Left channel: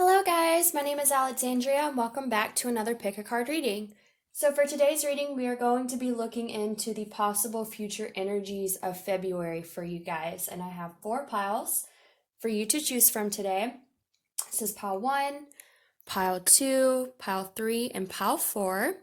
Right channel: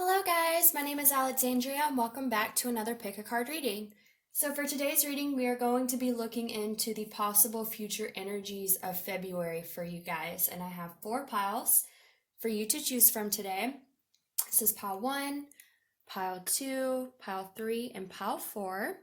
Hello guys, my name is Alexandria and welcome back to another Pick a Card reading. So for today's reading, we are going to be looking into the possible future energies of February for you guys. And I have 4 piles for you to choose from today. This is pile 1, pile 2, pile 3, and pile 4.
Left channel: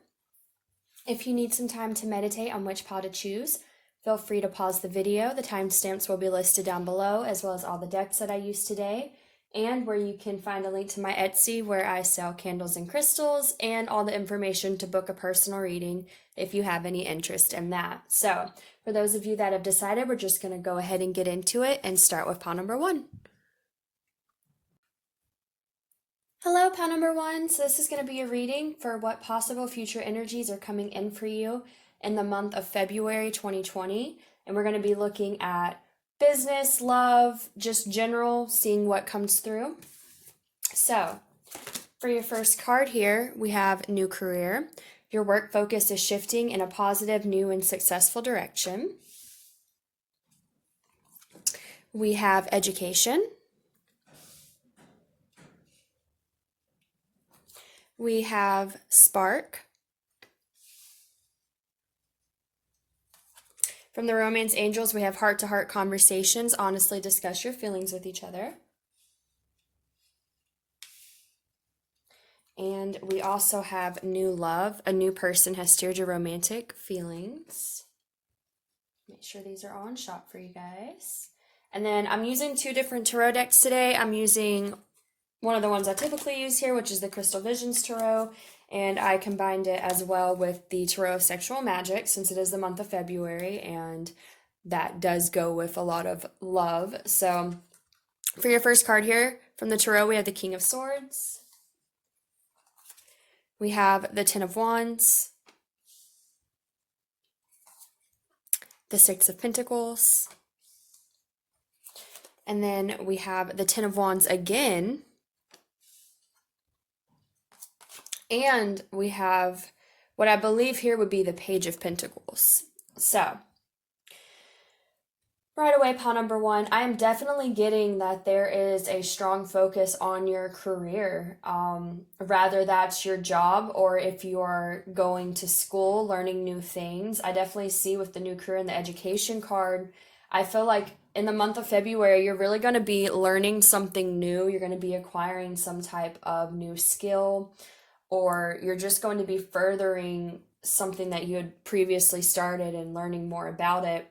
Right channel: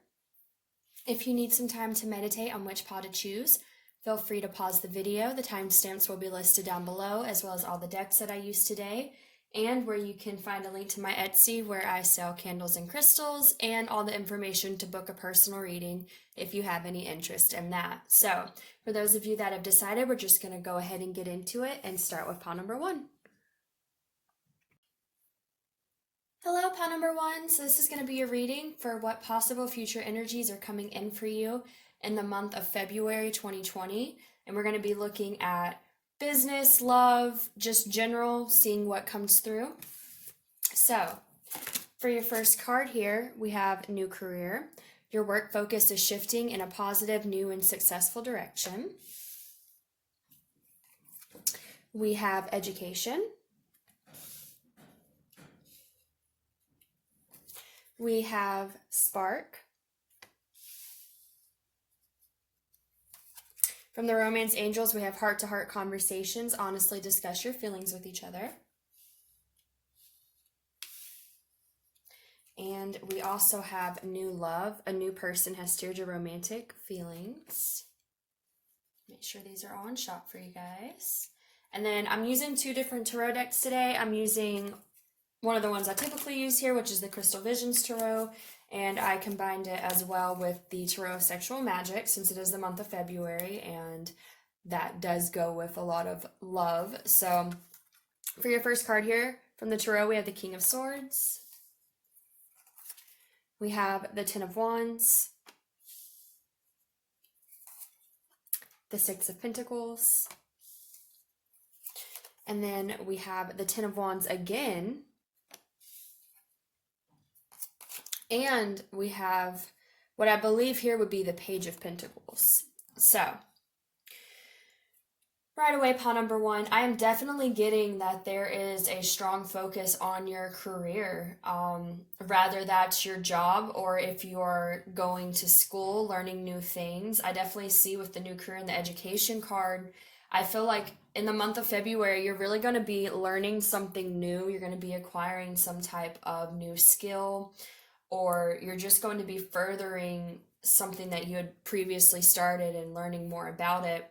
If you need some time to meditate on which pile to choose, feel free to pause the video. The timestamps will be listed down below, as well as all the decks that I used today, and where you can find a link to my Etsy where I sell candles and crystals and all the information to book a personal reading if you have any interest in that. So for those of you that have decided, we're just going to go ahead and get into it and start with pile number 1. Hello, pile number 1. So this is going to be a reading for what possible future energies are coming in for you in the month of February 2020. And we're going to be looking at business, love, just general, seeing what comes through. So for your first card here, we have new career. Your work focus is shifting in a positive, new, and successful direction. We have education. We have spark. From the Romance Angels, we have heart-to-heart conversations. Honestly discuss your feelings with each other. And we also have new love. A new person has stirred your romantic feelings. Make sure these are all in shop for you guys. And then I'm using 2 different tarot decks today. I'm using one of the ones I typically use here, which is the Crystal Visions Tarot. And I combined it as well with the Tarot of Sexual Magic, since it is the month of February, and that does go with a lot of love. So for your first card here from the Tarot, we have the King of Swords. We have the Ten of Wands, the Six of Pentacles, and then we have the Ten of Wands again. And we have what I believe here would be the Page of Pentacles. So, right away, pile number 1, I am definitely getting that there is a strong focus on your career. Rather that's your job, or if you're going to school, learning new things. I definitely see with the new career and the education card, I feel like in the month of February, you're really going to be learning something new. You're going to be acquiring some type of new skill, or you're just going to be furthering something that you had previously started and learning more about it.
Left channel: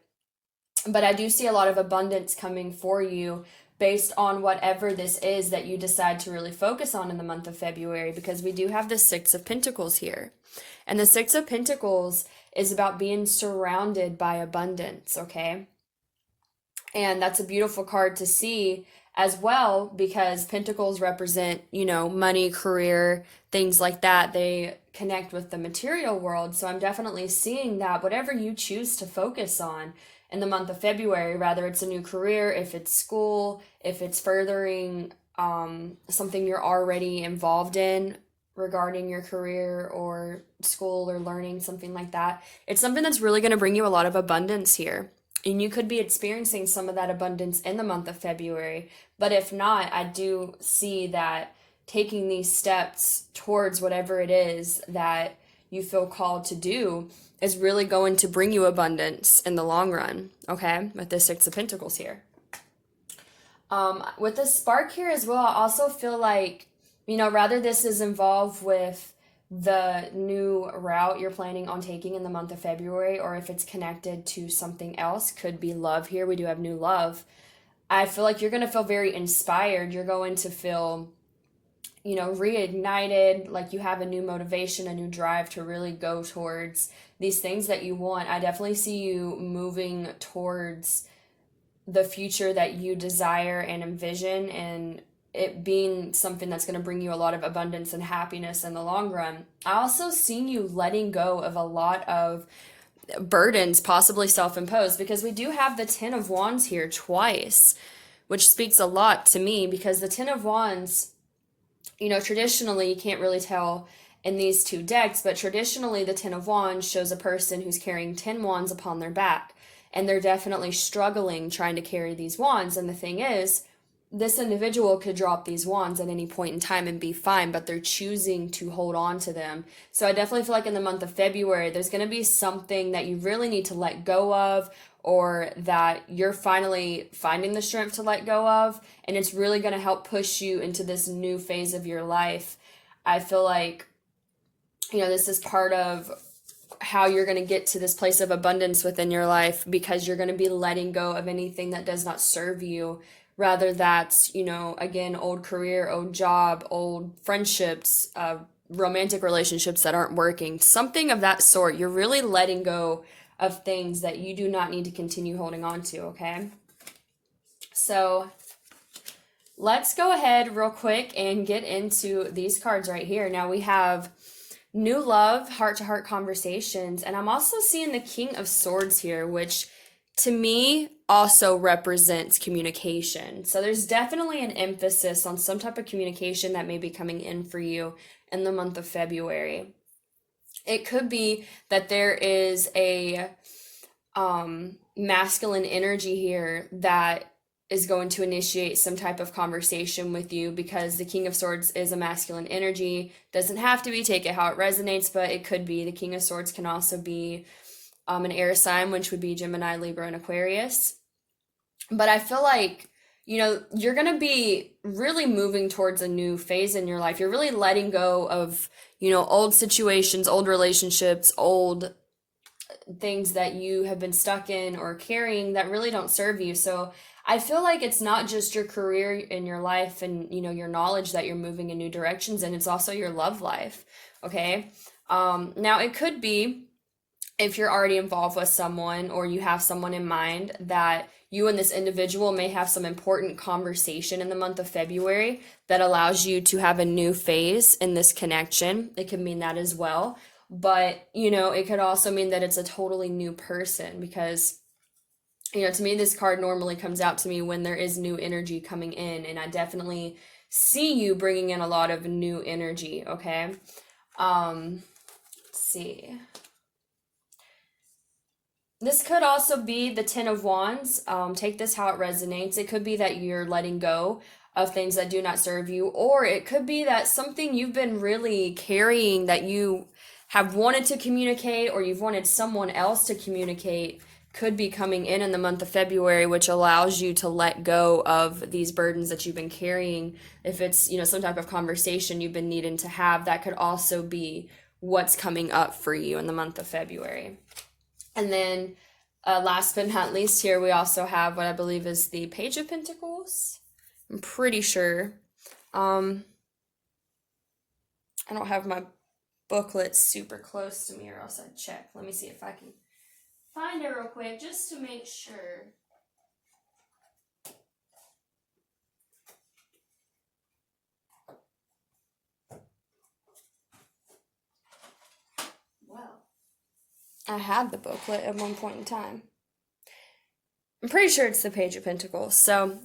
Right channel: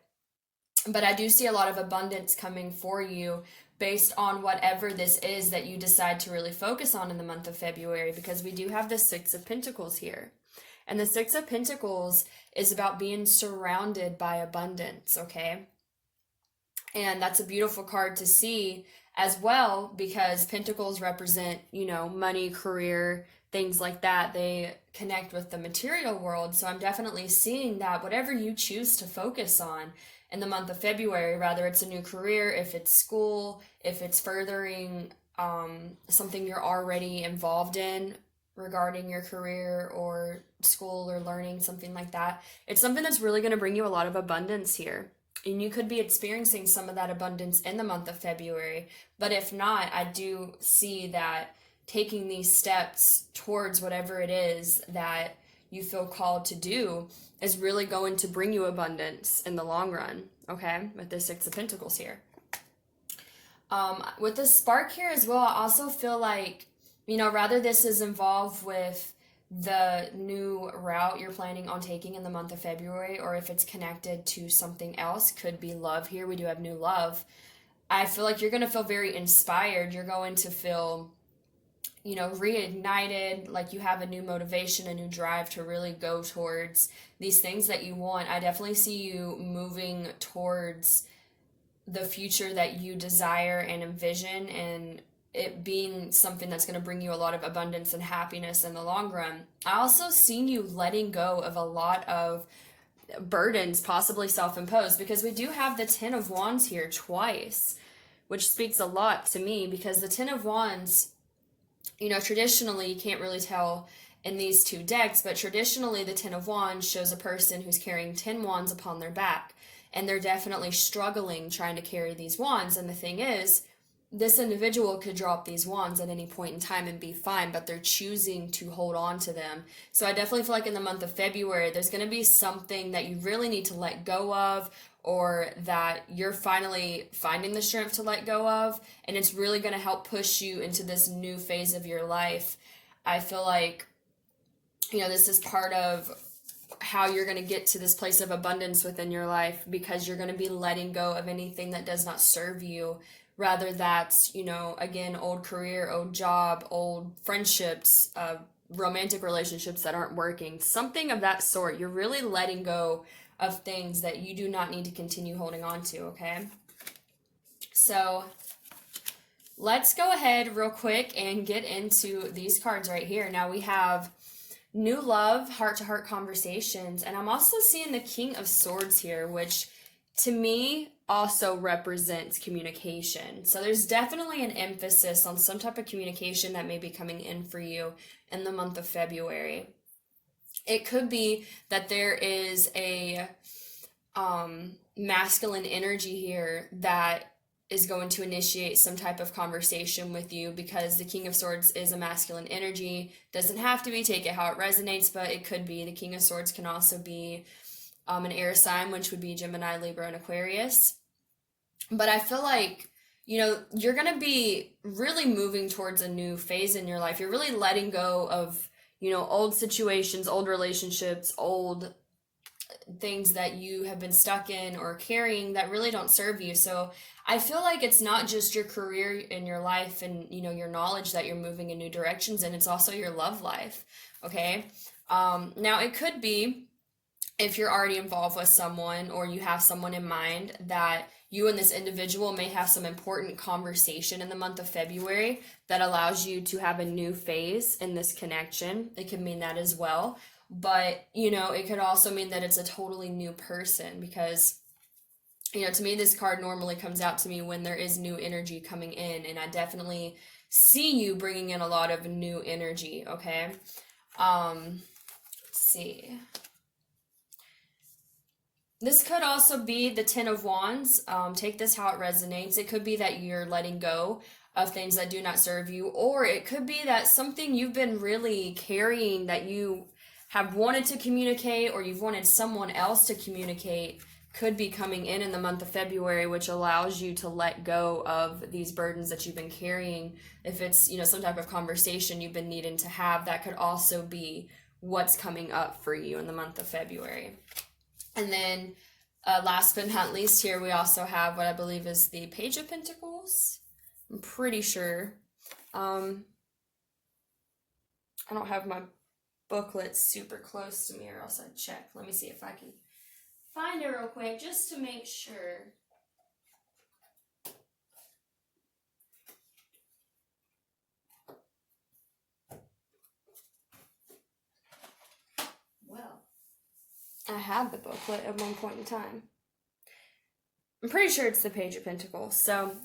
But I do see a lot of abundance coming for you based on whatever this is that you decide to really focus on in the month of February, because we do have the Six of Pentacles here. And the Six of Pentacles is about being surrounded by abundance, okay? And that's a beautiful card to see as well, because pentacles represent, money, career, things like that. They connect with the material world. So I'm definitely seeing that whatever you choose to focus on in the month of February, whether it's a new career, if it's school, if it's furthering something you're already involved in regarding your career or school or learning, something like that, it's something that's really going to bring you a lot of abundance here. And you could be experiencing some of that abundance in the month of February. But if not, I do see that taking these steps towards whatever it is that you feel called to do is really going to bring you abundance in the long run, okay? With the Six of Pentacles here. With the spark here as well, I also feel like, rather this is involved with the new route you're planning on taking in the month of February, or if it's connected to something else, could be love here. We do have new love. I feel like you're going to feel very inspired. You're going to feel, reignited, like you have a new motivation, a new drive to really go towards these things that you want. I definitely see you moving towards the future that you desire and envision, and it being something that's going to bring you a lot of abundance and happiness in the long run. I also see you letting go of a lot of burdens, possibly self-imposed, because we do have the Ten of Wands here twice, which speaks a lot to me, because the Ten of Wands, traditionally, you can't really tell in these 2 decks, but traditionally the Ten of Wands shows a person who's carrying 10 wands upon their back, and they're definitely struggling trying to carry these wands. And the thing is, this individual could drop these wands at any point in time and be fine, but they're choosing to hold on to them. So I definitely feel like in the month of February, there's going to be something that you really need to let go of, or that you're finally finding the strength to let go of, and it's really going to help push you into this new phase of your life. I feel like, this is part of how you're going to get to this place of abundance within your life, because you're going to be letting go of anything that does not serve you. Rather that's, again, old career, old job, old friendships, romantic relationships that aren't working, something of that sort. You're really letting go of things that you do not need to continue holding on to, okay? So let's go ahead real quick and get into these cards right here. Now we have new love, heart-to-heart conversations, and I'm also seeing the King of Swords here, which to me also represents communication. So there's definitely an emphasis on some type of communication that may be coming in for you in the month of February. It could be that there is a masculine energy here that is going to initiate some type of conversation with you, because the King of Swords is a masculine energy. Doesn't have to be, take it how it resonates, but it could be. The King of Swords can also be an air sign, which would be Gemini, Libra, and Aquarius. But I feel like, you're going to be really moving towards a new phase in your life. You're really letting go of, old situations, old relationships, old things that you have been stuck in or carrying that really don't serve you. So I feel like it's not just your career in your life and, your knowledge that you're moving in new directions, and it's also your love life, okay? Now, it could be, if you're already involved with someone or you have someone in mind, that you and this individual may have some important conversation in the month of February that allows you to have a new phase in this connection. It could mean that as well. But, it could also mean that it's a totally new person, because, to me, this card normally comes out to me when there is new energy coming in, and I definitely see you bringing in a lot of new energy, okay? Let's see. This could also be the Ten of Wands. Take this how it resonates. It could be that you're letting go of things that do not serve you, or it could be that something you've been really carrying that you have wanted to communicate, or you've wanted someone else to communicate, could be coming in the month of February, which allows you to let go of these burdens that you've been carrying. If it's, some type of conversation you've been needing to have, that could also be what's coming up for you in the month of February. And then last but not least here, we also have what I believe is the Page of Pentacles. I'm pretty sure. I don't have my booklet super close to me, or else I'd check. Let me see if I can find it real quick just to make sure. Well, I had the booklet at one point in time. I'm pretty sure it's the Page of Pentacles. So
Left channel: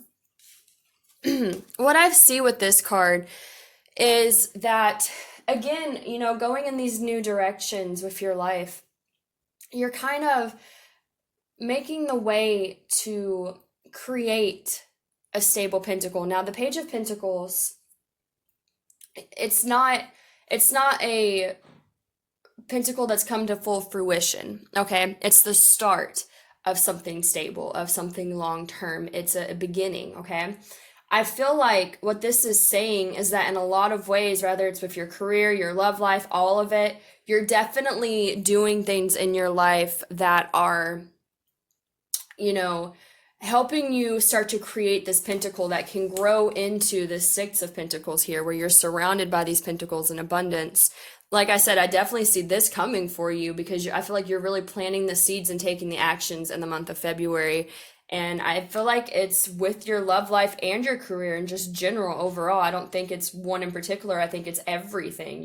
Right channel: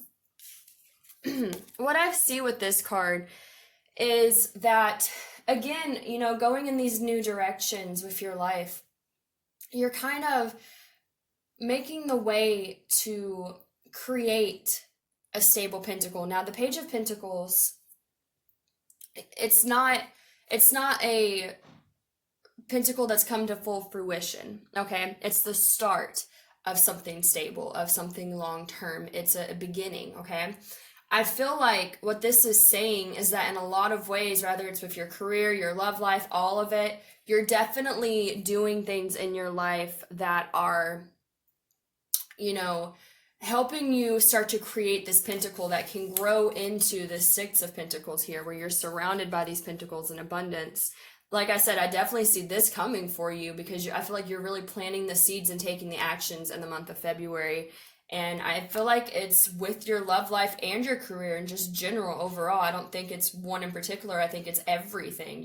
what I see with this card is that, again, going in these new directions with your life, you're kind of making the way to create a stable pentacle. Now, the Page of Pentacles, it's not a pentacle that's come to full fruition, okay? It's the start of something stable, of something long-term. It's a beginning, okay? I feel like what this is saying is that in a lot of ways, whether it's with your career, your love life, all of it, you're definitely doing things in your life that are, helping you start to create this pentacle that can grow into the Six of Pentacles here, where you're surrounded by these pentacles in abundance. Like I said, I definitely see this coming for you, because I feel like you're really planting the seeds and taking the actions in the month of February. And I feel like it's with your love life and your career and just general overall. I don't think it's one in particular. I think it's everything.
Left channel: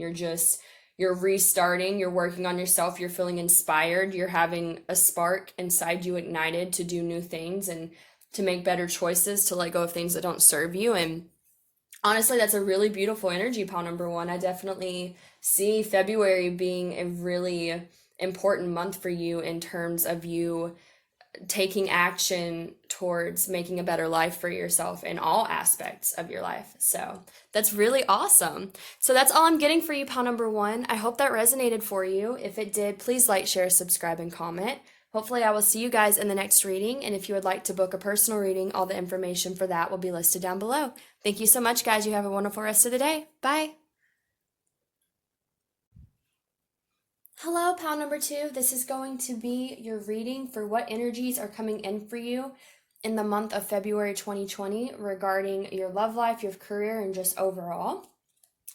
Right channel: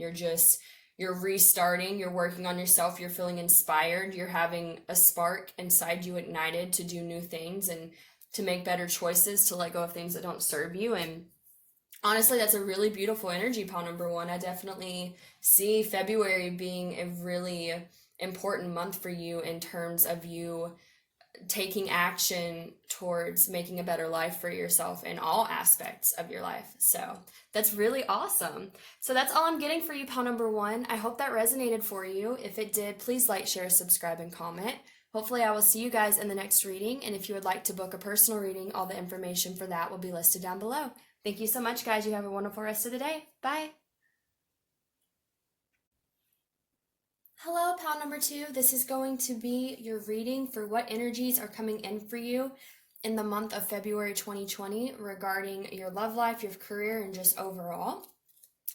You're restarting, you're working on yourself, you're feeling inspired, you're having a spark inside you ignited to do new things and to make better choices, to let go of things that don't serve you. And honestly, that's a really beautiful energy, pile number one. I definitely see February being a really important month for you in terms of you taking action towards making a better life for yourself in all aspects of your life. So that's really awesome. So that's all I'm getting for you, pile number one. I hope that resonated for you. If it did, please like, share, subscribe, and comment. Hopefully I will see you guys in the next reading. And if you would like to book a personal reading, all the information for that will be listed down below. Thank you so much, guys. You have a wonderful rest of the day. Bye. Hello, pile number two. This is going to be your reading for what energies are coming in for you in the month of February 2020 regarding your love life, your career, and just overall.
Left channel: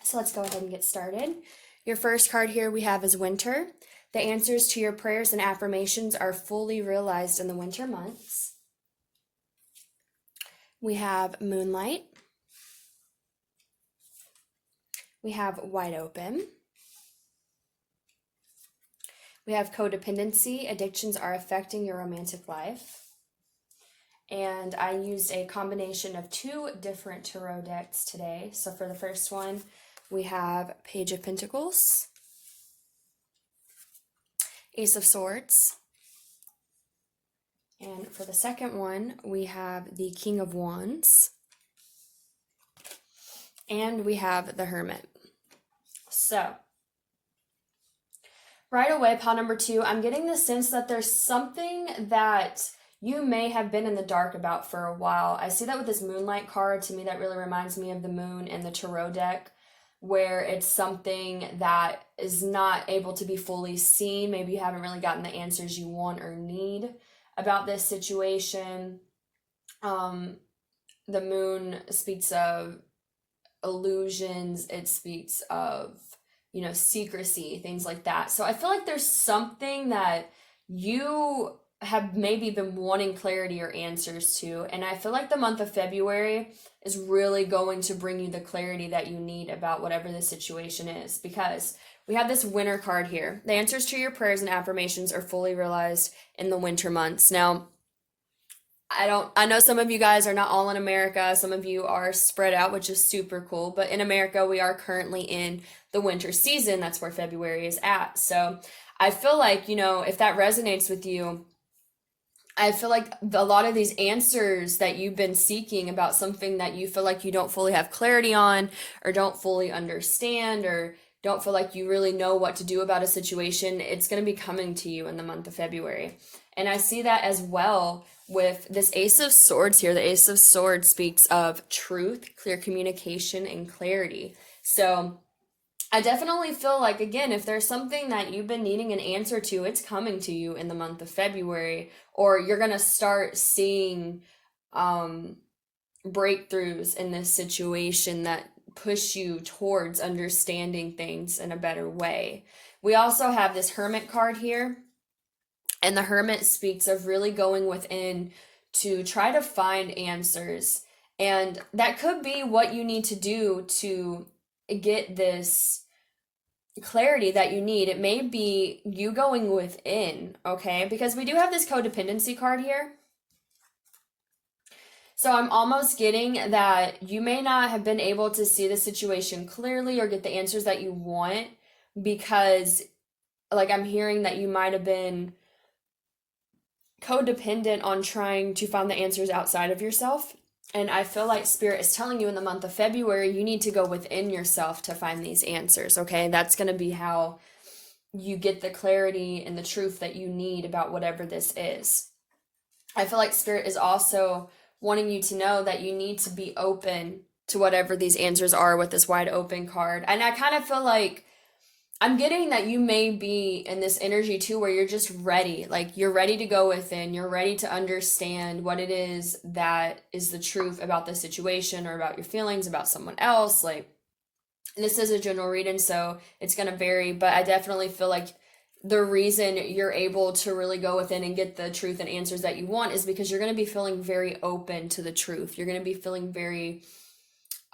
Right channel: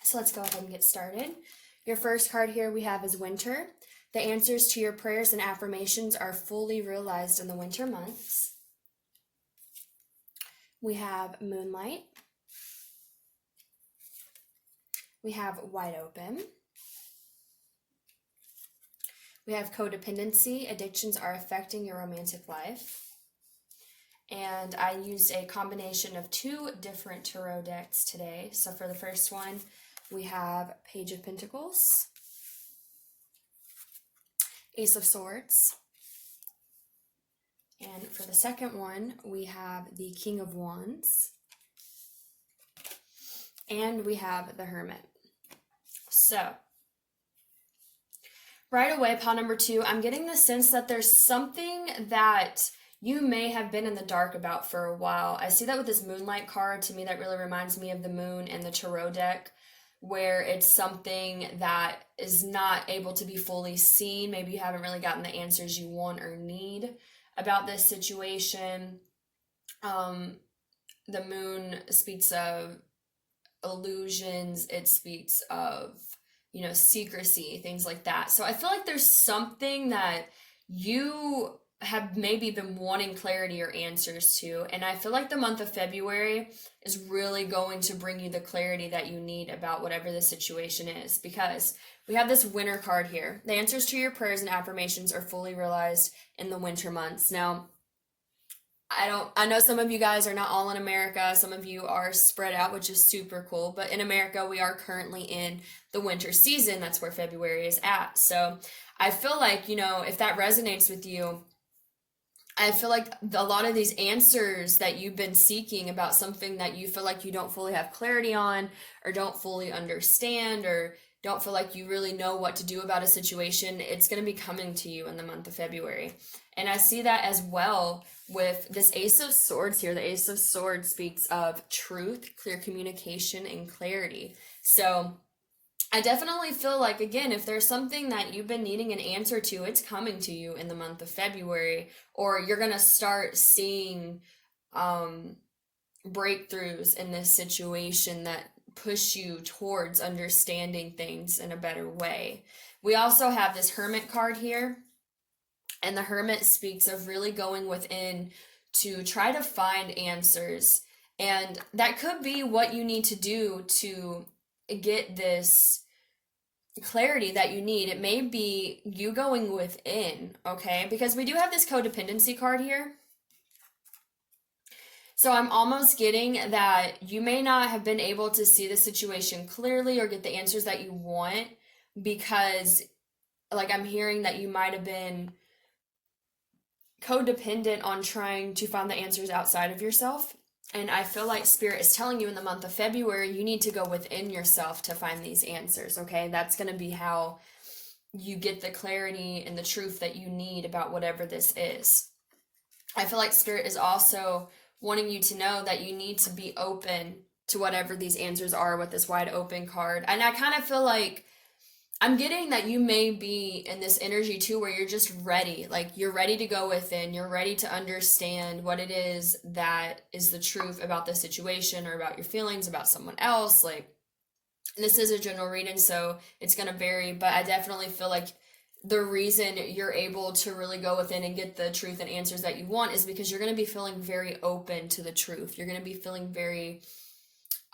So let's go ahead and get started. Your first card here we have is Winter. The answers to your prayers and affirmations are fully realized in the winter months. We have Moonlight. We have Wide Open. We have Codependency. Addictions are affecting your romantic life. And I used a combination of 2 different tarot decks today. So for the first one, we have Page of Pentacles, Ace of Swords. And for the second one, we have the King of Wands. And we have the Hermit. So right away, pile number 2, I'm getting the sense that there's something that you may have been in the dark about for a while. I see that with this Moonlight card. To me, that really reminds me of the moon in the tarot deck, where it's something that is not able to be fully seen. Maybe you haven't really gotten the answers you want or need about this situation. The moon speaks of illusions. It speaks of, secrecy, things like that. So I feel like there's something that you have maybe been wanting clarity or answers to. And I feel like the month of February is really going to bring you the clarity that you need about whatever the situation is, because we have this Winter card here. The answers to your prayers and affirmations are fully realized in the winter months. Now, I know some of you guys are not all in America. Some of you are spread out, which is super cool. But in America, we are currently in the winter season. That's where February is at. So I feel like, if that resonates with you, I feel like a lot of these answers that you've been seeking about something that you feel like you don't fully have clarity on, or don't fully understand, or don't feel like you really know what to do about a situation, it's going to be coming to you in the month of February. And I see that as well with this Ace of Swords here. The Ace of Swords speaks of truth, clear communication, and clarity. So I definitely feel like, again, if there's something that you've been needing an answer to, it's coming to you in the month of February, or you're going to start seeing breakthroughs in this situation that push you towards understanding things in a better way. We also have this Hermit card here, and the Hermit speaks of really going within to try to find answers. And that could be what you need to do to get this clarity that you need. It may be you going within, okay? Because we do have this Codependency card here. So I'm almost getting that you may not have been able to see the situation clearly or get the answers that you want, because I'm hearing that you might have been codependent on trying to find the answers outside of yourself. And I feel like Spirit is telling you in the month of February, you need to go within yourself to find these answers, okay? That's going to be how you get the clarity and the truth that you need about whatever this is. I feel like Spirit is also wanting you to know that you need to be open to whatever these answers are with this Wide Open card. And I kind of feel like I'm getting that you may be in this energy too, where you're just ready. You're ready to go within. You're ready to understand what it is that is the truth about the situation, or about your feelings about someone else. This is a general reading, so it's going to vary, but I definitely feel like the reason you're able to really go within and get the truth and answers that you want is because you're going to be feeling very open to the truth. You're going to be feeling very,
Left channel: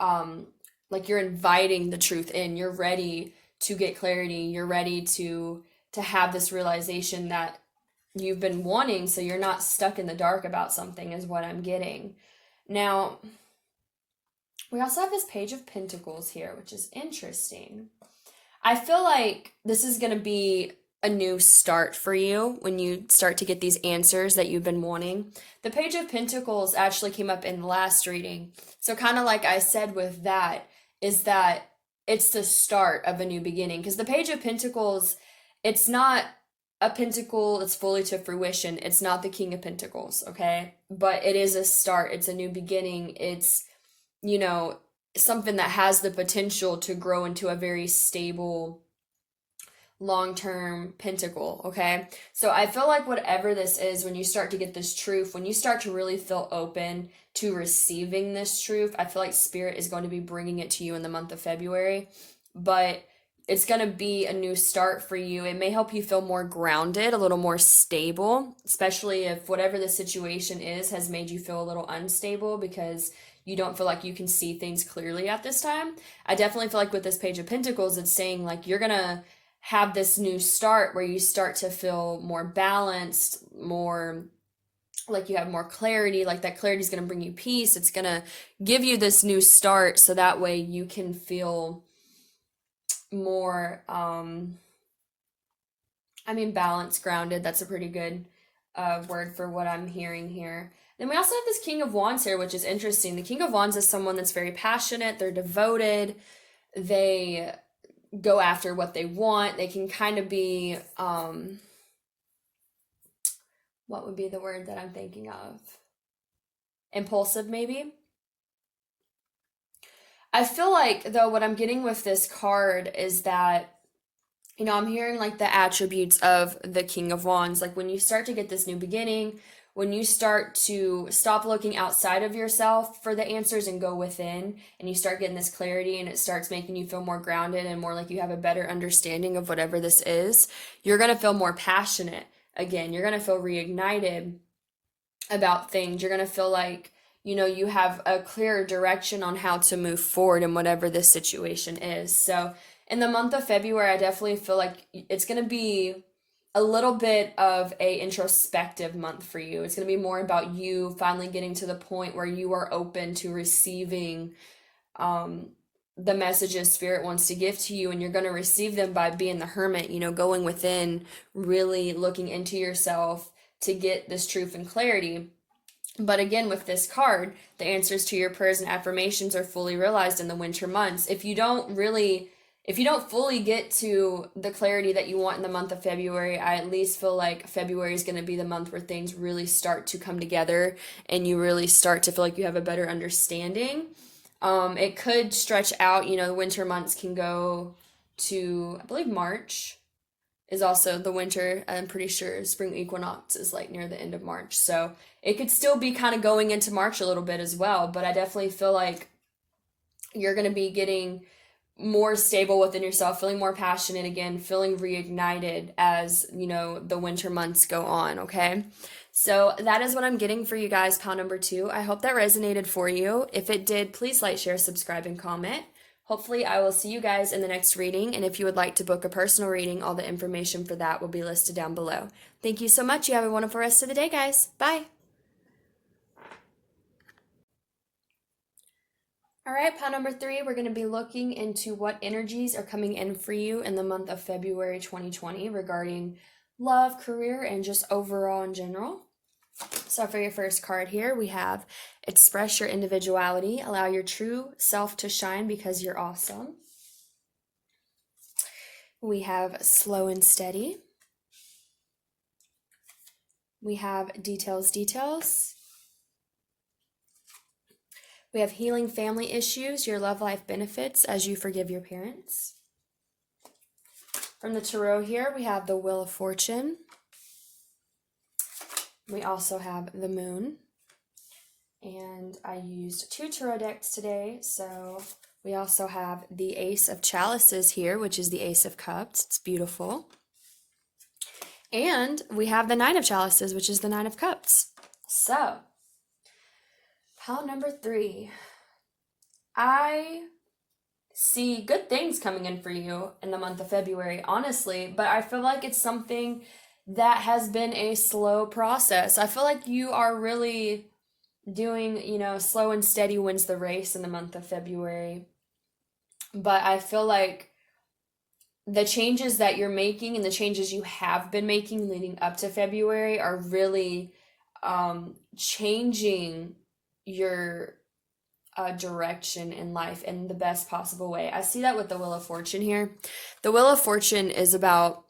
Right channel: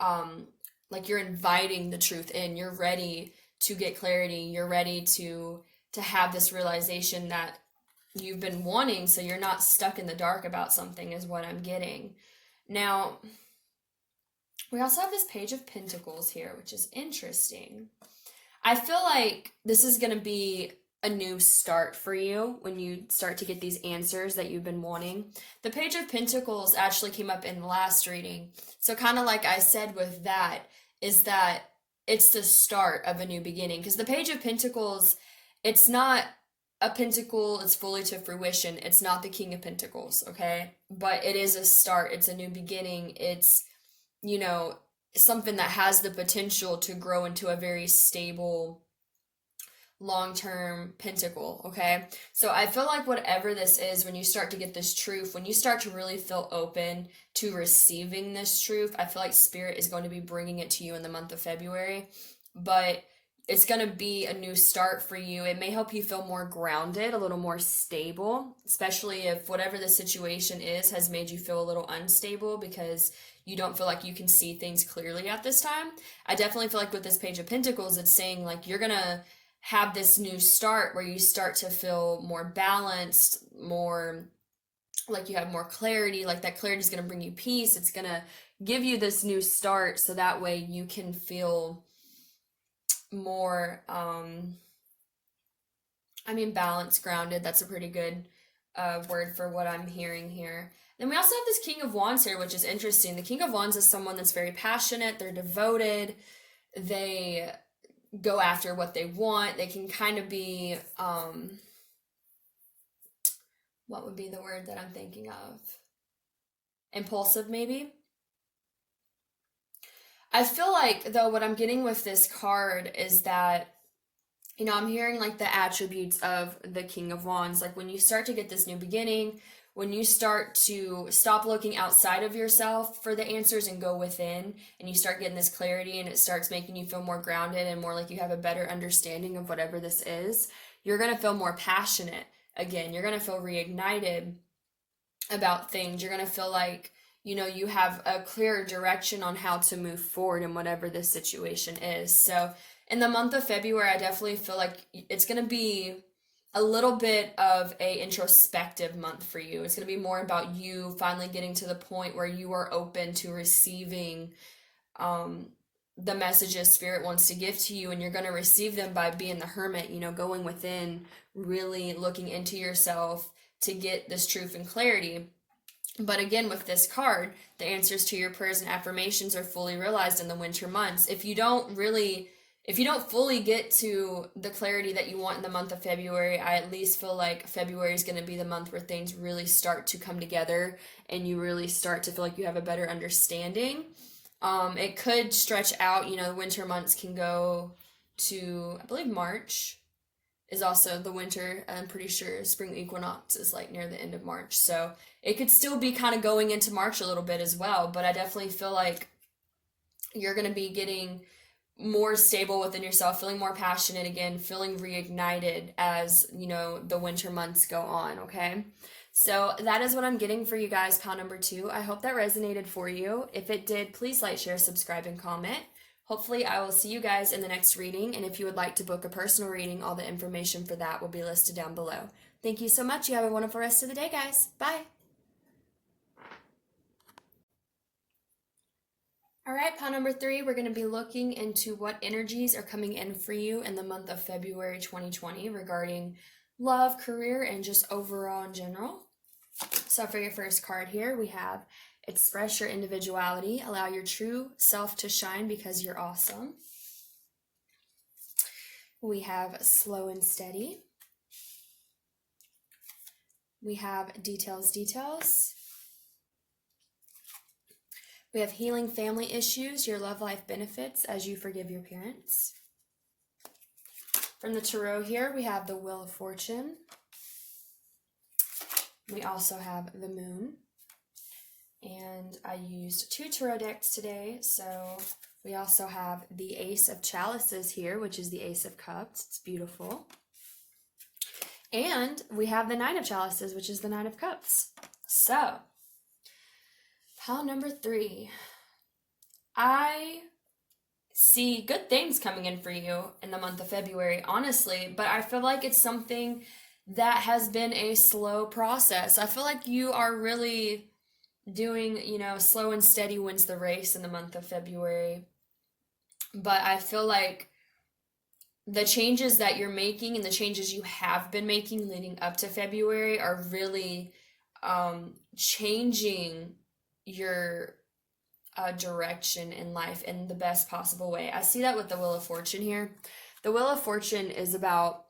you're inviting the truth in. You're ready to get clarity. You're ready to have this realization that you've been wanting, so you're not stuck in the dark about something, is what I'm getting. Now, we also have this Page of Pentacles here, which is interesting. I feel like this is going to be a new start for you when you start to get these answers that you've been wanting. The Page of Pentacles actually came up in the last reading. So kind of like I said with that, is that it's the start of a new beginning. Because the Page of Pentacles, it's not a pentacle that's fully to fruition. It's not the King of Pentacles, okay? But it is a start. It's a new beginning. It's, you know, something that has the potential to grow into a very stable long-term pentacle, okay? So I feel like whatever this is, when you start to get this truth, when you start to really feel open to receiving this truth, I feel like Spirit is going to be bringing it to you in the month of February. But it's going to be a new start for you. It may help you feel more grounded, a little more stable, especially if whatever the situation is has made you feel a little unstable because you don't feel like you can see things clearly at this time. I definitely feel like with this Page of Pentacles, it's saying like you're going to have this new start where you start to feel more balanced, more like you have more clarity, like that clarity is going to bring you peace. It's going to give you this new start so that way you can feel more balanced, grounded. That's a pretty good word for what I'm hearing here. Then we also have this King of Wands here, which is interesting. The King of Wands is someone that's very passionate, they're devoted, they go after what they want. They can kind of be what would be the word that I'm thinking of? Impulsive, maybe? I feel like, though, what I'm getting with this card is that, you know, I'm hearing like the attributes of the King of Wands. Like when you start to get this new beginning, when you start to stop looking outside of yourself for the answers and go within, and you start getting this clarity and it starts making you feel more grounded and more like you have a better understanding of whatever this is, you're going to feel more passionate again. You're going to feel reignited about things. You're going to feel like, you know, you have a clearer direction on how to move forward in whatever this situation is. So in the month of February, I definitely feel like it's going to be a little bit of a introspective month for you. It's going to be more about you finally getting to the point where you are open to receiving the messages Spirit wants to give to you, and you're going to receive them by being the hermit, you know, going within, really looking into yourself to get this truth and clarity. But again, with this card, the answers to your prayers and affirmations are fully realized in the winter months. If you don't fully get to the clarity that you want in the month of February, I at least feel like February is going to be the month where things really start to come together and you really start to feel like you have a better understanding. It could stretch out, you know, the winter months can go to, I believe March is also the winter. I'm pretty sure spring equinox is like near the end of March. So it could still be kind of going into March a little bit as well. But I definitely feel like you're going to be getting more stable within yourself, feeling more passionate again, feeling reignited as, you know, the winter months go on, okay? So that is what I'm getting for you guys, pile number 2. I hope that resonated for you. If it did, please like, share, subscribe, and comment. Hopefully, I will see you guys in the next reading, and if you would like to book a personal reading, all the information for that will be listed down below. Thank you so much. You have a wonderful rest of the day, guys. Bye. All right, pile number 3, we're going to be looking into what energies are coming in for you in the month of February 2020 regarding love, career, and just overall in general. So for your first card here, we have express your individuality, allow your true self to shine because you're awesome. We have slow and steady. We have details, details. We have healing family issues, your love life benefits as you forgive your parents. From the tarot here, we have the Wheel of Fortune. We also have the Moon. And I used 2 tarot decks today, so we also have the Ace of Chalices here, which is the Ace of Cups. It's beautiful. And we have the Nine of Chalices, which is the Nine of Cups. So, pile number 3. I see good things coming in for you in the month of February, honestly, but I feel like it's something that has been a slow process. I feel like you are really doing, you know, slow and steady wins the race in the month of February. But I feel like the changes that you're making and the changes you have been making leading up to February are really changing your direction in life in the best possible way. I see that with the Wheel of Fortune here. The Wheel of Fortune is about,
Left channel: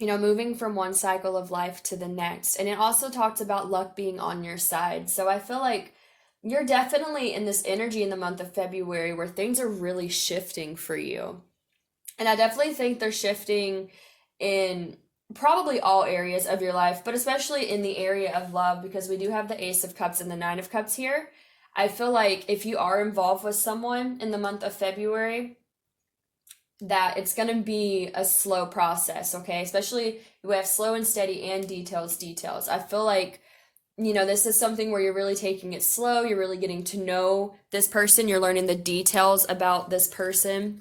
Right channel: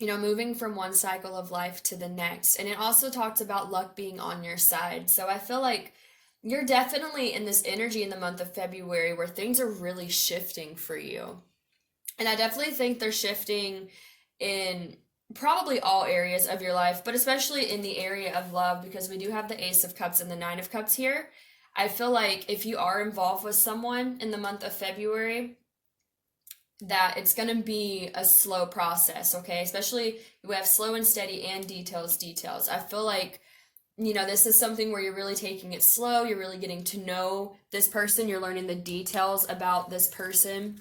moving from one cycle of life to the next. And it also talks about luck being on your side. So I feel like you're definitely in this energy in the month of February where things are really shifting for you. And I definitely think they're shifting in probably all areas of your life, but especially in the area of love, because we do have the Ace of Cups and the Nine of Cups here. I feel like if you are involved with someone in the month of February, that it's going to be a slow process, okay? Especially we have slow and steady and details. I feel like, this is something where you're really taking it slow. You're really getting to know this person. You're learning the details about this person.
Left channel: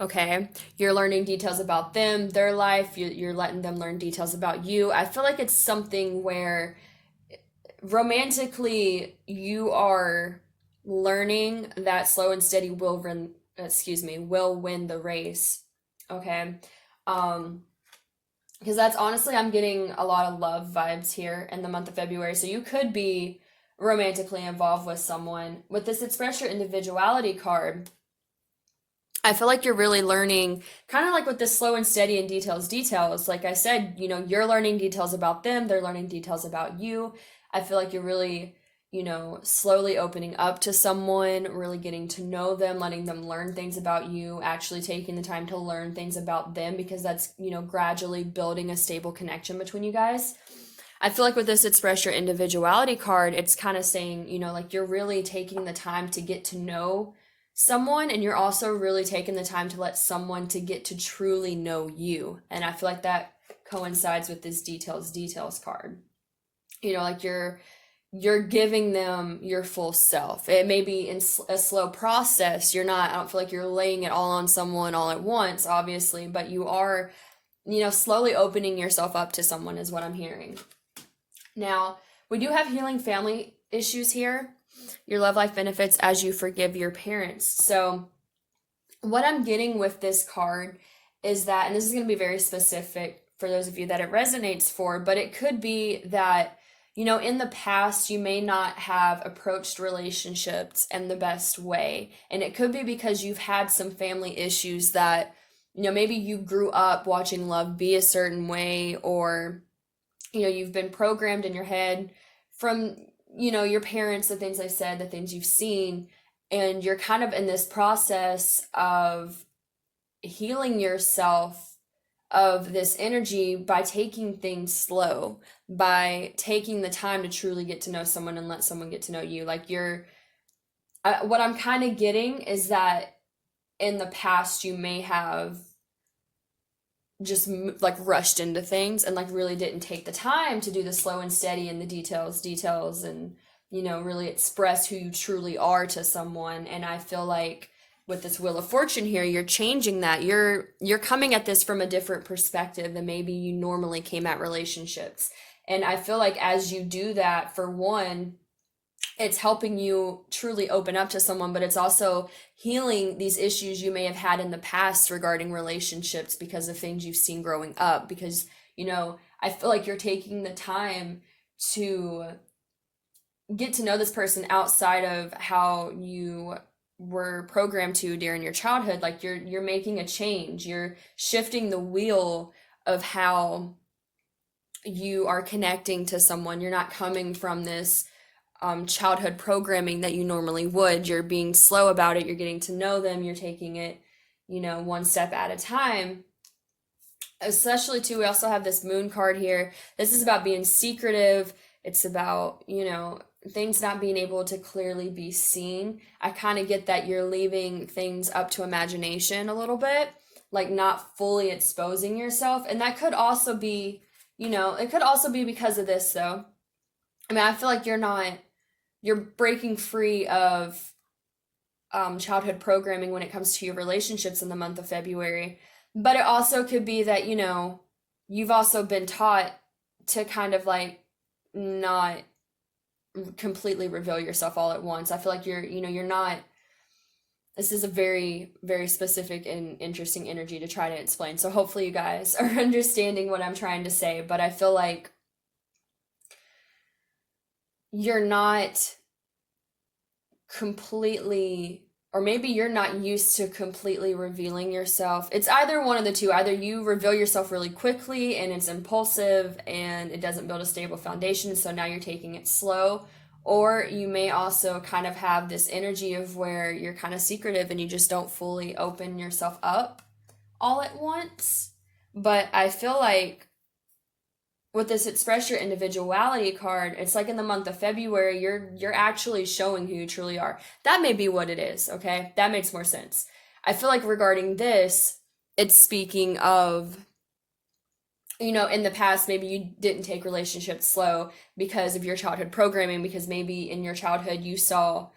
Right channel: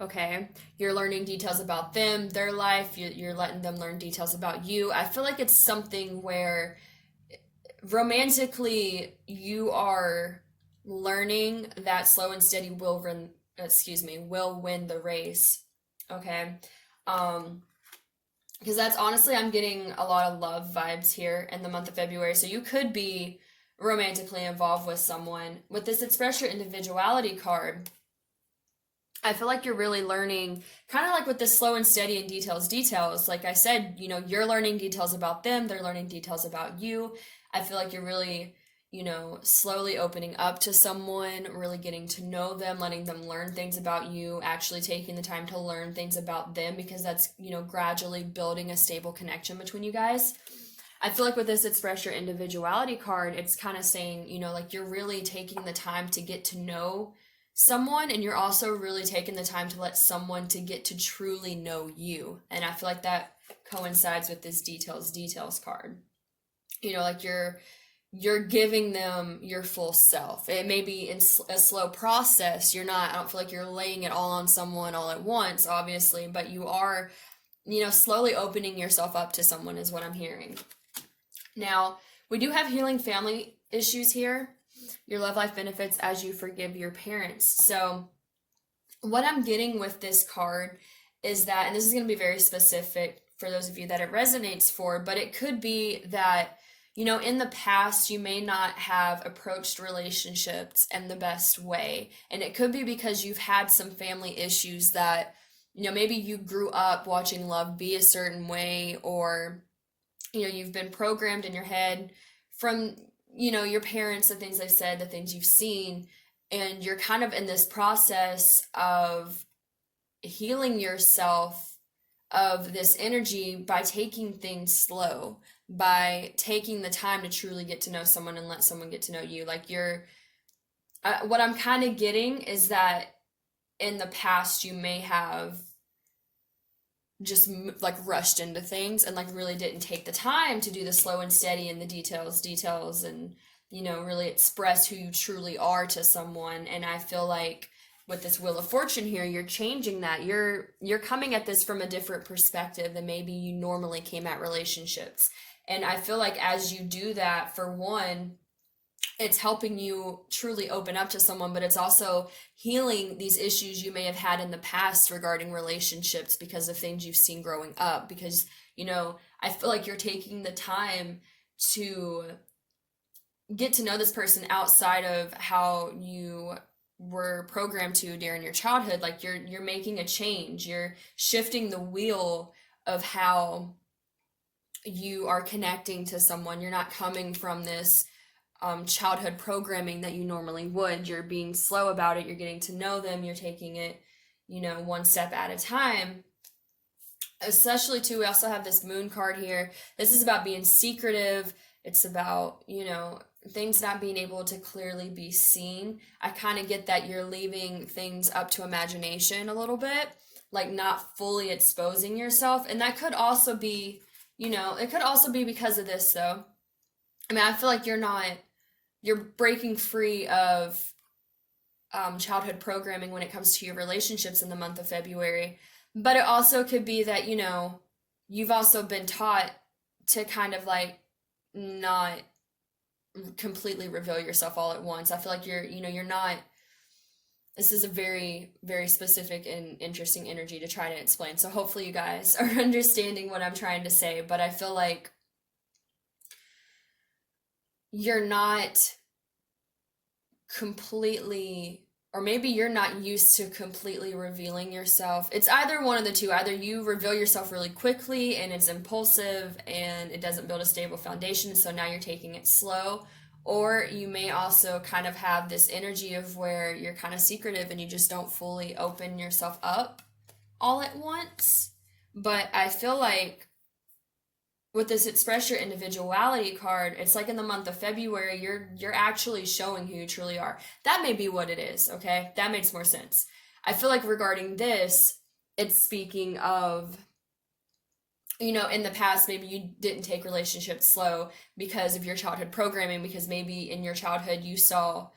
Okay, you're learning details about them, their life, you're letting them learn details about you. I feel like it's something where romantically you are learning that slow and steady will win the race. Okay. Because that's honestly, I'm getting a lot of love vibes here in the month of February. So you could be romantically involved with someone. With this Express Your Individuality card, I feel like you're really learning, kind of like with this slow and steady and details. Like I said, you're learning details about them, they're learning details about you. I feel like you're really, slowly opening up to someone, really getting to know them, letting them learn things about you, actually taking the time to learn things about them, because that's, gradually building a stable connection between you guys. I feel like with this Express Your Individuality card, it's kind of saying, like you're really taking the time to get to know someone, and you're also really taking the time to let someone to get to truly know you. And I feel like that coincides with this details card. Like you're giving them your full self. It may be in a slow process. I don't feel like you're laying it all on someone all at once, obviously, but you are, slowly opening yourself up to someone is what I'm hearing. Now, we do have healing family issues here. Your love life benefits as you forgive your parents. So what I'm getting with this card is that, and this is going to be very specific for those of you that it resonates for, but it could be that, in the past, you may not have approached relationships in the best way. And it could be because you've had some family issues that, maybe you grew up watching love be a certain way, or, you've been programmed in your head from your parents, the things they've said, the things you've seen, and you're kind of in this process of healing yourself of this energy by taking things slow, by taking the time to truly get to know someone and let someone get to know you. Like what I'm kind of getting is that in the past you may have just like rushed into things and like really didn't take the time to do the slow and steady and the details and really express who you truly are to someone. And I feel like with this Wheel of Fortune here, you're changing that. You're coming at this from a different perspective than maybe you normally came at relationships. And I feel like as you do that, for one, it's helping you truly open up to someone, but it's also healing these issues you may have had in the past regarding relationships because of things you've seen growing up. Because, I feel like you're taking the time to get to know this person outside of how you were programmed to during your childhood. Like you're making a change. You're shifting the wheel of how you are connecting to someone. You're not coming from this childhood programming that you normally would. You're being slow about it. You're getting to know them. You're taking it, one step at a time. Especially too, we also have this Moon card here. This is about being secretive. It's about, things not being able to clearly be seen. I kind of get that you're leaving things up to imagination a little bit, like not fully exposing yourself. And that could also be, it could also be because of this though. I mean, I feel like you're breaking free of childhood programming when it comes to your relationships in the month of February. But it also could be that, you've also been taught to kind of like not completely reveal yourself all at once. I feel like you're not this is a very, very specific and interesting energy to try to explain. So hopefully you guys are understanding what I'm trying to say, but I feel like you're not completely, or maybe you're not used to completely revealing yourself. It's either one of the two. Either you reveal yourself really quickly and it's impulsive and it doesn't build a stable foundation, so now you're taking it slow. Or you may also kind of have this energy of where you're kind of secretive and you just don't fully open yourself up all at once. But I feel like with this express your individuality card, it's like in the month of February, you're actually showing who you truly are. That may be what it is, okay? That makes more sense. I feel like regarding this, it's speaking of, in the past, maybe you didn't take relationships slow because of your childhood programming, because maybe in your childhood you saw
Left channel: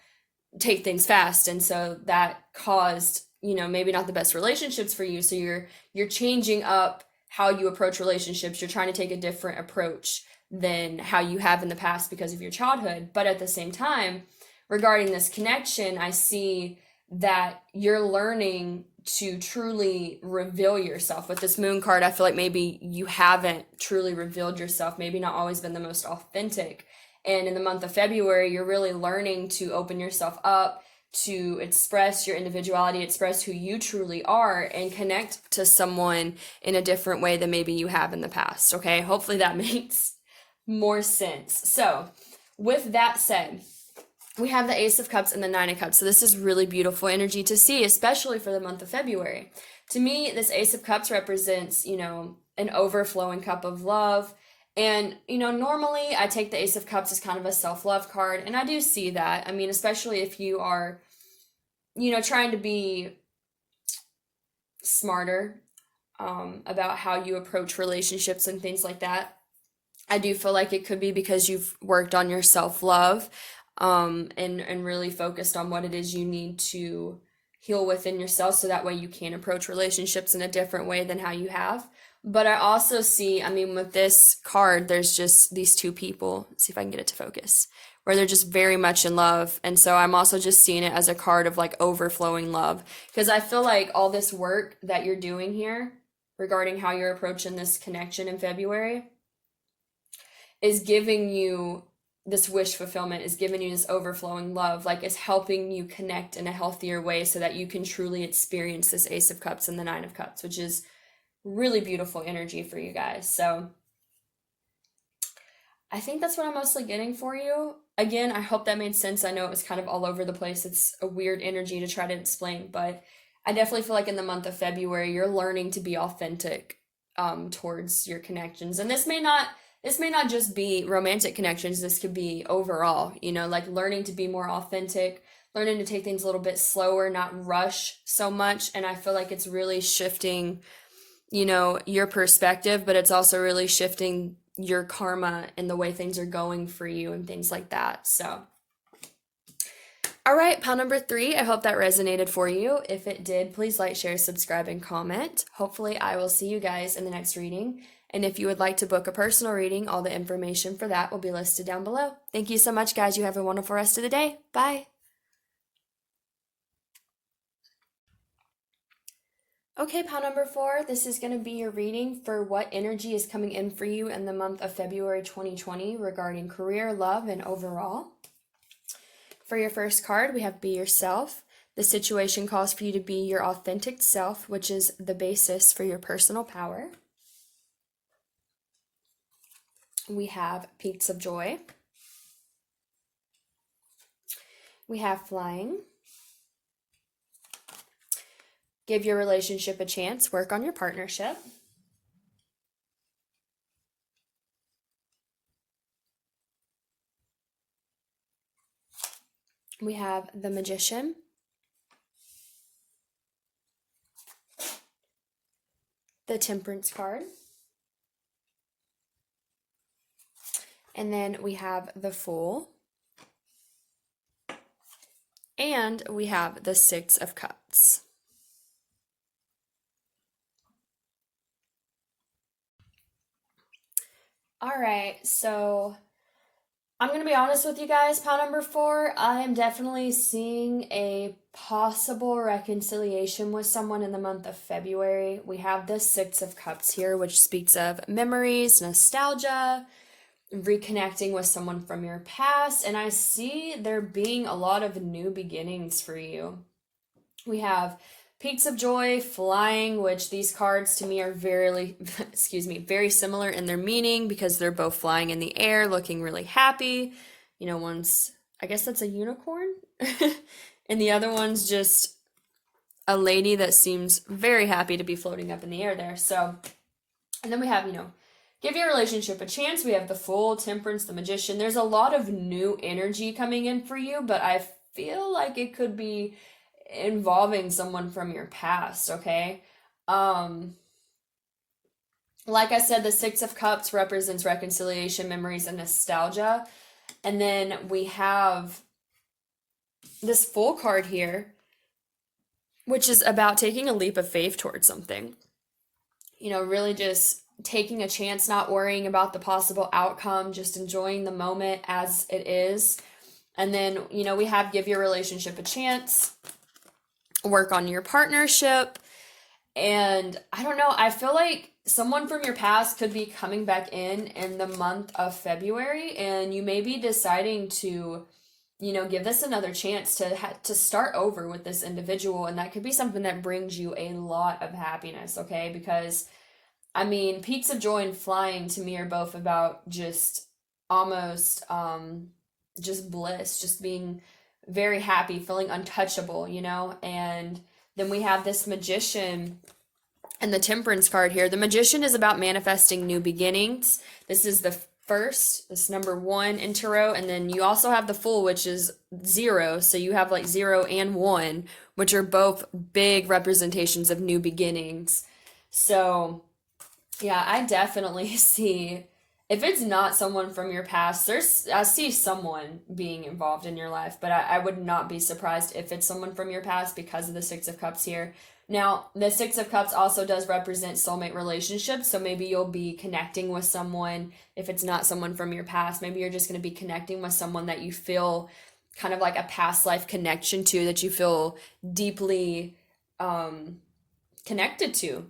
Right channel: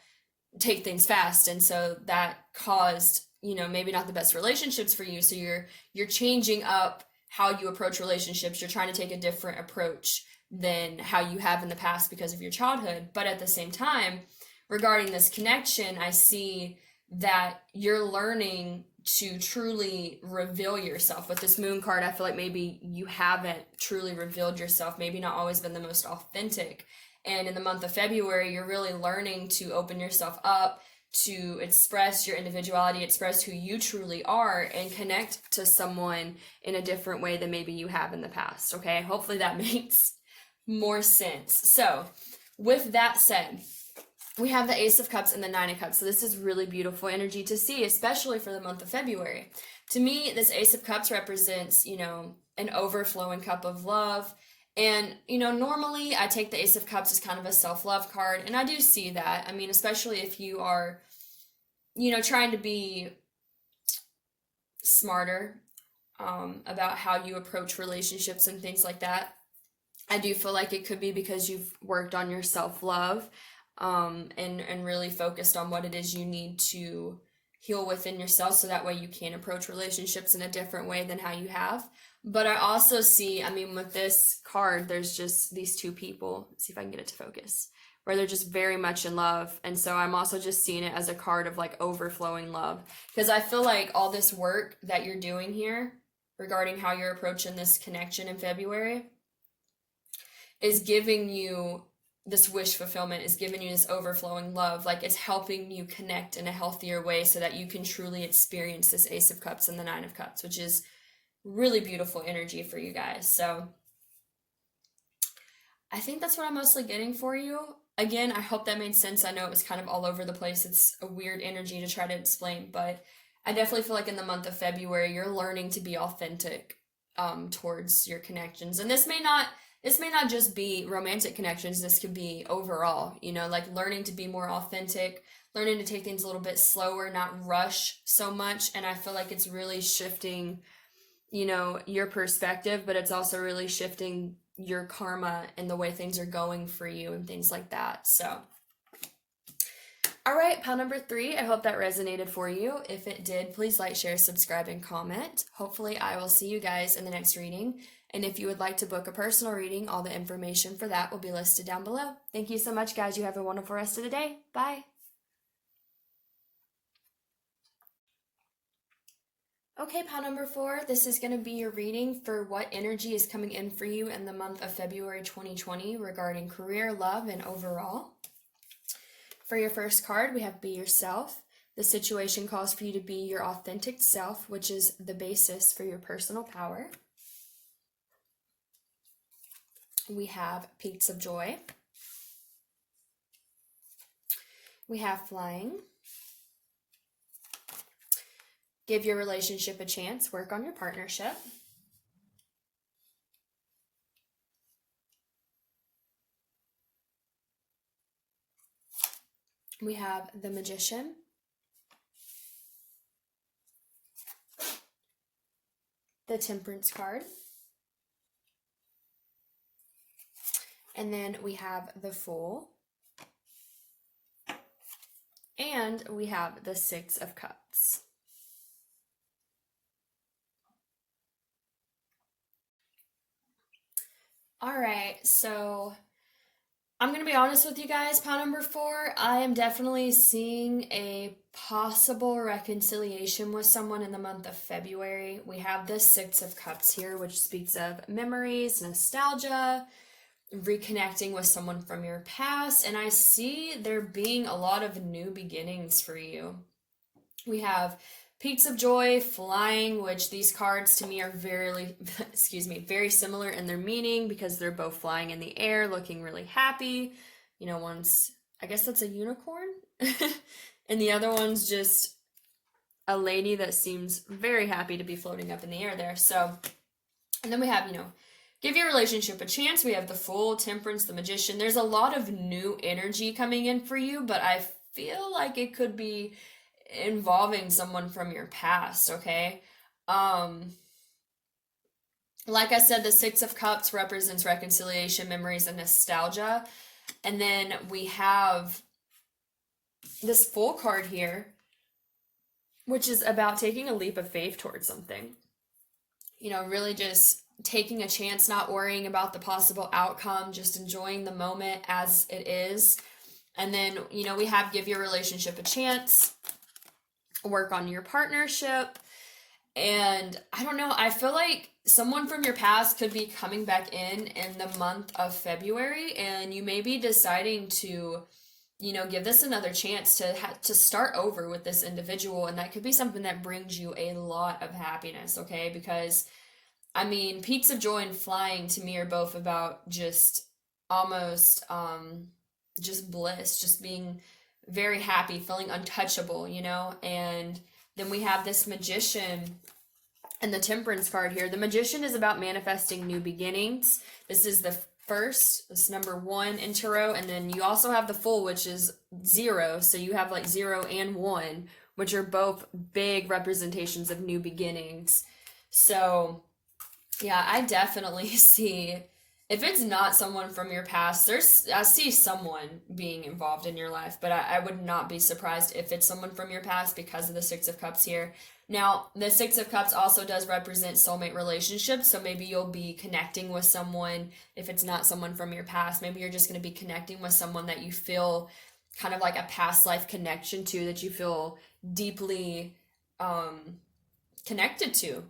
take things fast, and so that caused, maybe not the best relationships for you. So you're changing up how you approach relationships. You're trying to take a different approach than how you have in the past because of your childhood. But at the same time, regarding this connection, I see that you're learning to truly reveal yourself. With this moon card, I feel like maybe you haven't truly revealed yourself, maybe not always been the most authentic. And in the month of February, you're really learning to open yourself up, to express your individuality, express who you truly are, and connect to someone in a different way than maybe you have in the past, okay? Hopefully that makes more sense. So, with that said, we have the Ace of Cups and the Nine of Cups. So this is really beautiful energy to see, especially for the month of February. To me, this Ace of Cups represents, an overflowing cup of love. And, normally I take the Ace of Cups as kind of a self-love card, and I do see that. I mean, especially if you are, trying to be smarter about how you approach relationships and things like that. I do feel like it could be because you've worked on your self-love, and really focused on what it is you need to heal within yourself, so that way you can approach relationships in a different way than how you have. But I also see, with this card, there's just these two people. Let's see if I can get it to focus, where they're just very much in love. And so I'm also just seeing it as a card of like overflowing love, because I feel like all this work that you're doing here regarding how you're approaching this connection in February is giving you this wish fulfillment, is giving you this overflowing love, like it's helping you connect in a healthier way so that you can truly experience this Ace of Cups and the Nine of Cups, which is really beautiful energy for you guys. So I think that's what I'm mostly getting for you. Again, I hope that made sense. I know it was kind of all over the place. It's a weird energy to try to explain, but I definitely feel like in the month of February, you're learning to be authentic towards your connections. And this may not just be romantic connections. This could be overall, like learning to be more authentic, learning to take things a little bit slower, not rush so much. And I feel like it's really shifting, your perspective, but it's also really shifting your karma and the way things are going for you and things like that. So, all right, pile number 3. I hope that resonated for you. If it did, please like, share, subscribe, and comment. Hopefully, I will see you guys in the next reading. And if you would like to book a personal reading, all the information for that will be listed down below. Thank you so much, guys. You have a wonderful rest of the day. Bye. Okay, pile number 4, this is going to be your reading for what energy is coming in for you in the month of February 2020 regarding career, love, and overall. For your first card, we have Be Yourself. The situation calls for you to be your authentic self, which is the basis for your personal power. We have Peaks of Joy. We have Flying. Give your relationship a chance. Work on your partnership. We have the Magician. The Temperance card. And then we have the Fool. And we have the Six of Cups. All right, so I'm going to be honest with you guys, pile number 4. I am definitely seeing a possible reconciliation with someone in the month of February. We have the Six of Cups here, which speaks of memories, nostalgia, reconnecting with someone from your past. And I see there being a lot of new beginnings for you. We have Peaks of Joy, Flying, which these cards to me are very, very similar in their meaning because they're both flying in the air, looking really happy. You know, one's, I guess that's a unicorn, and the other one's just a lady that seems very happy to be floating up in the air there. So, and then we have, give your relationship a chance. We have the Fool, Temperance, the Magician. There's a lot of new energy coming in for you, but I feel like it could be involving someone from your past, okay? Like I said, the Six of Cups represents reconciliation, memories, and nostalgia. And then we have this Fool card here, which is about taking a leap of faith towards something. Really just taking a chance, not worrying about the possible outcome, just enjoying the moment as it is. And then, we have give your relationship a chance, work on your partnership. And I don't know, I feel like someone from your past could be coming back in the month of February, and you may be deciding to, give this another chance to start over with this individual. And that could be something that brings you a lot of happiness, okay? Because I mean, Peaks of Joy and Flying to me are both about just almost just bliss, just being very happy, feeling untouchable, and then we have this Magician and the Temperance card here. The Magician is about manifesting new beginnings. This is the first, this number 1 in tarot, and then you also have the Fool, which is 0, so you have like 0 and 1, which are both big representations of new beginnings. So yeah, I definitely see, if it's not someone from your past, I see someone being involved in your life, but I would not be surprised if it's someone from your past because of the Six of Cups here. Now, the Six of Cups also does represent soulmate relationships, so maybe you'll be connecting with someone. If it's not someone from your past, maybe you're just going to be connecting with someone that you feel kind of like a past life connection to, that you feel deeply connected to.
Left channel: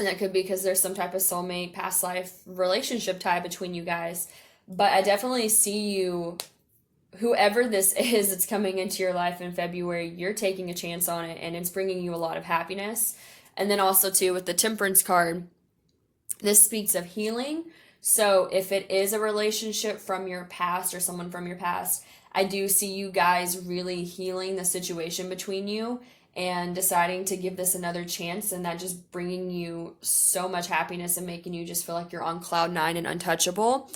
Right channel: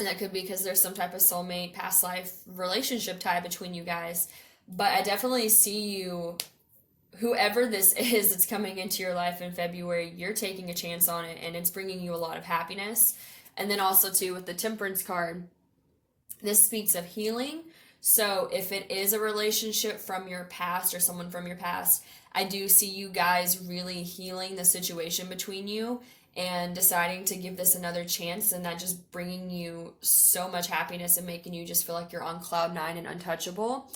And that could be because there's some type of soulmate, past life relationship tie between you guys. But I definitely see you, whoever this is that's coming into your life in February, you're taking a chance on it, and it's bringing you a lot of happiness. And then also, too, with the Temperance card, this speaks of healing. So if it is a relationship from your past or someone from your past, I do see you guys really healing the situation between you and deciding to give this another chance, and that just bringing you so much happiness and making you just feel like you're on cloud 9 and untouchable.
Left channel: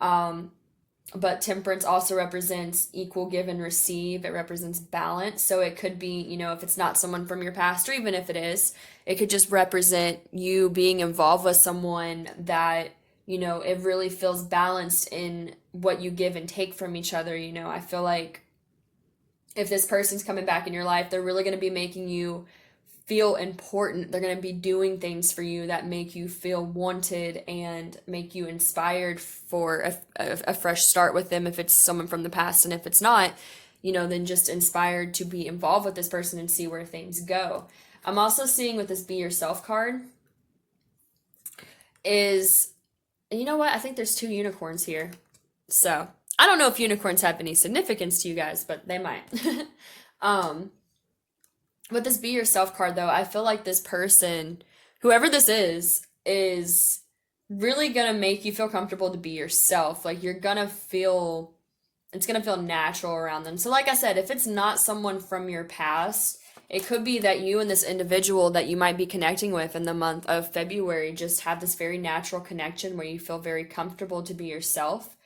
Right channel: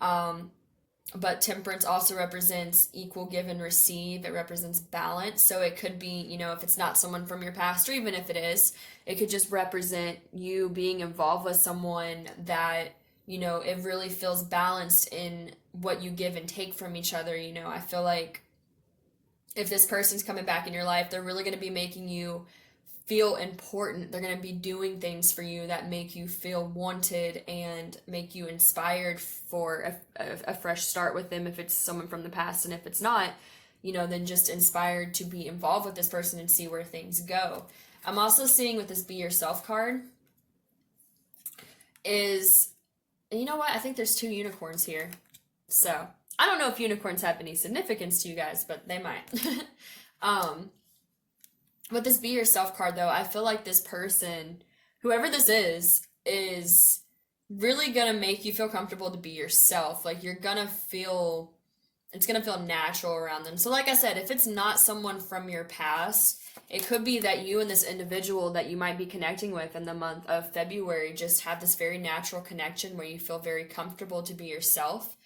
But Temperance also represents equal give and receive. It represents balance. So it could be, if it's not someone from your past, or even if it is, it could just represent you being involved with someone that, it really feels balanced in what you give and take from each other. I feel like if this person's coming back in your life, they're really going to be making you feel important. They're going to be doing things for you that make you feel wanted and make you inspired for a fresh start with them, if it's someone from the past. And if it's not, then just inspired to be involved with this person and see where things go. I'm also seeing with this Be Yourself card is, you know what? I think there's 2 unicorns here. So I don't know if unicorns have any significance to you guys, but they might. With this Be Yourself card, though, I feel like this person, whoever this is really going to make you feel comfortable to be yourself. Like, you're going to feel, it's going to feel natural around them. So like I said, if it's not someone from your past, it could be that you and this individual that you might be connecting with in the month of February just have this very natural connection where you feel very comfortable to be yourself.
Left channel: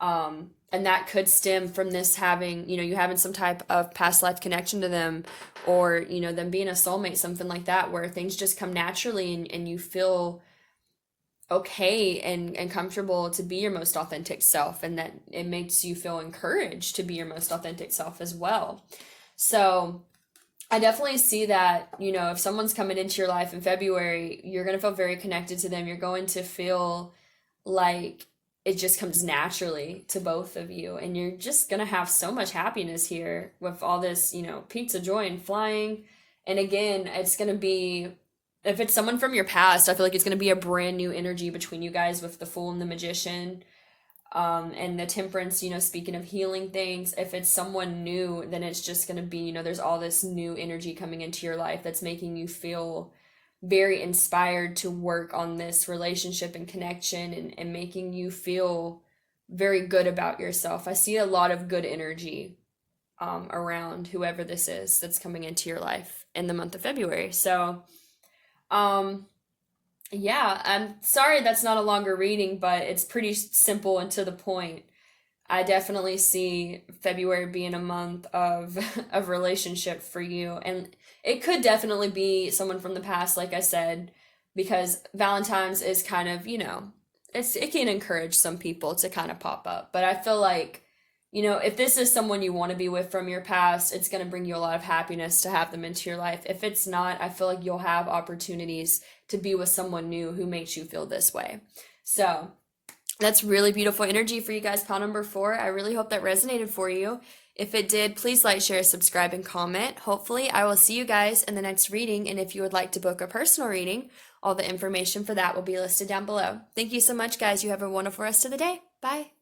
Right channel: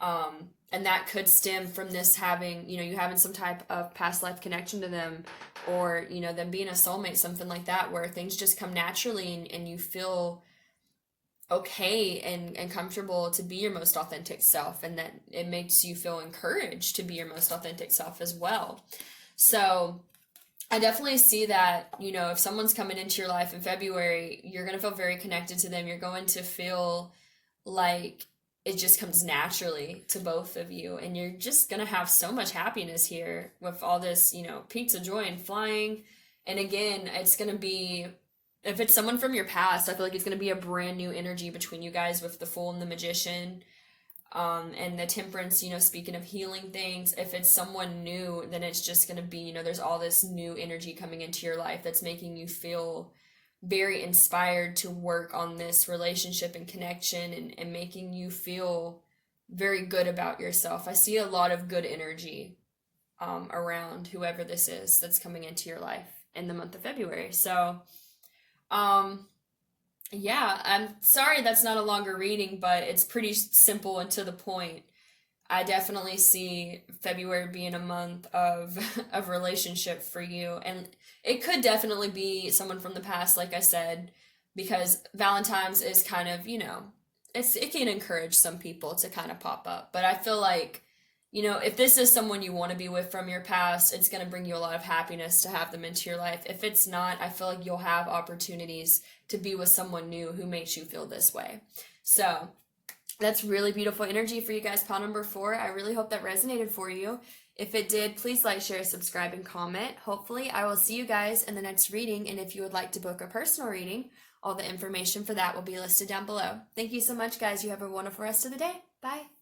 And that could stem from this having, you having some type of past life connection to them, or, them being a soulmate, something like that, where things just come naturally and you feel okay and comfortable to be your most authentic self, and that it makes you feel encouraged to be your most authentic self as well. So I definitely see that, if someone's coming into your life in February, you're going to feel very connected to them. You're going to feel like it just comes naturally to both of you, and you're just gonna have so much happiness here with all this, peaks of joy and flying. And again, it's gonna be, if it's someone from your past, I feel like it's gonna be a brand new energy between you guys with the Fool and the Magician. And the Temperance, speaking of healing things, if it's someone new, then it's just going to be, there's all this new energy coming into your life that's making you feel very inspired to work on this relationship and connection, and making you feel very good about yourself. I see a lot of good energy around whoever this is that's coming into your life in the month of February. So, yeah, I'm sorry that's not a longer reading, but it's pretty simple and to the point. I definitely see February being a month of of relationship for you, and it could definitely be someone from the past, like I said, because Valentine's is kind of, it can encourage some people to kind of pop up. But I feel like, if this is someone you want to be with from your past, it's going to bring you a lot of happiness to have them into your life. If it's not, I feel like you'll have opportunities to be with someone new who makes you feel this way. So that's really beautiful energy for you guys. Pile number 4. I really hope that resonated for you. If it did, please like, share, subscribe, and comment. Hopefully, I will see you guys in the next reading. And if you would like to book a personal reading, all the information for that will be listed down below. Thank you so much, guys. You have a wonderful rest of the day. Bye.